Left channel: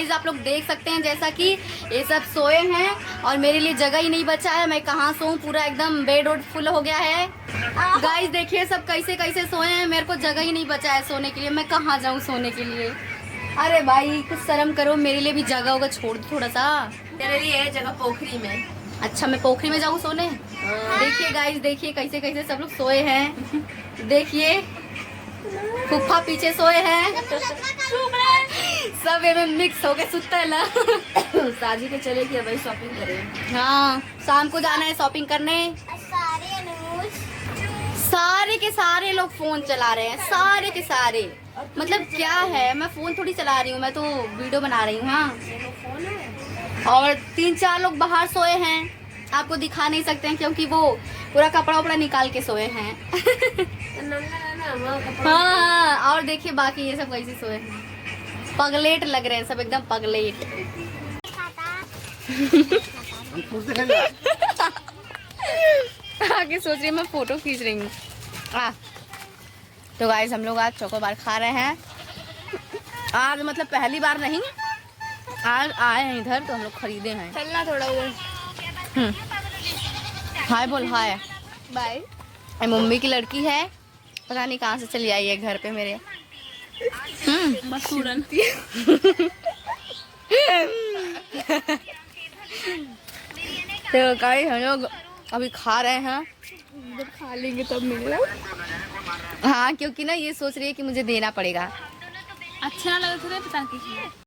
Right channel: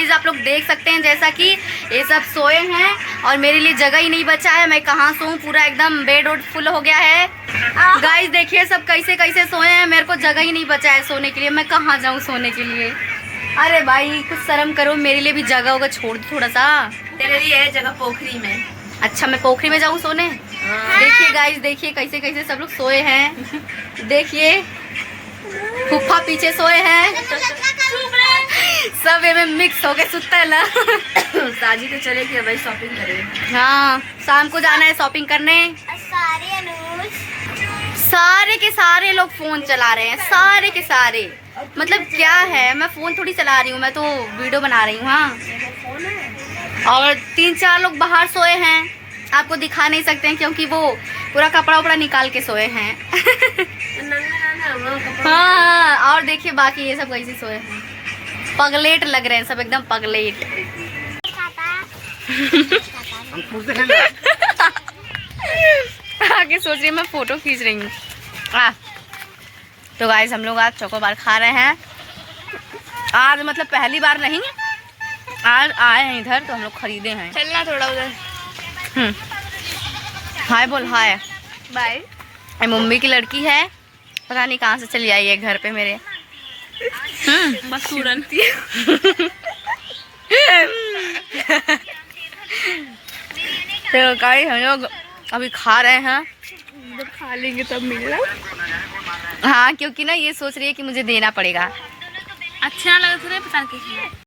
Guys आप लोग देख सकते हैं जैसा कि ये सब सोए हैं और मेरे लिए जगह ही नहीं बचा है। मैं कहाँ सोऊं, पूरा एकदम बेड वोड फुल हो गया है। गाइस देखिए सब कैसे कैसे सोए हैं, मेरे को जगह ही नहीं बचा है सोने के लिए। मैं कहाँ जाऊँ सोने के लिए? अरे भाई कुछ शर्म करो, मेरे लिए भी जगह होगा, छोड़ दो थोड़ा सा। तेरे लिए है जगह पोखरी में। अच्छा मैं पोखरी में जाऊँ सोने? देखिए गाइस देखिए कैसे कैसे सब लोग सोए हैं। देखिए फूफा पीछे सोए हैं, सब में मिक्स हो गए सुतला। साजी तो चलेगी भाई शॉपिंग करें। हाँ शाम को जाना है शॉपिंग करने। सारे के सारे लोग फोन चला रहे हैं, सारे के सारे। मतलब क्या है, मैं फोन थोड़ी चला रही हूँ, मैं तो वीडियो बना रही हूँ। हाँ और 3-4 लोग बाहर सोए हैं, आपको दिखा नहीं सकते हैं क्योंकि वो पूरा कपड़ा उपड़ा निकाल के सोए हैं। हाँ और देखिए बाकी ये सब कैसे सोए हैं, पगलेट लग रहे हैं सब, एकदम पगलेट। आगे सोच रही हूँ मैं फोटो खींच रही हूँ। तो गाइस हम लोग आज चोकोबार खा रहे हैं। आज मतलब पहली बार नहीं, आज आए हैं इधर तो हम लोग खरीदे हैं। चलना थोड़ा उधर। हाय बोल हाय। बाय। मम्मी की लड़की है, पता नहीं कहाँ से चली आई है घर पे मेरे। मसूरन। तो गाइस हम लोग अभी खा रहे हैं, जब खा लेंगे तब मिलना। हाँ क्योंकि ना ये सोच रही है कि मुझे देना पड़ेगा। अच्छा लगा, पता नहीं।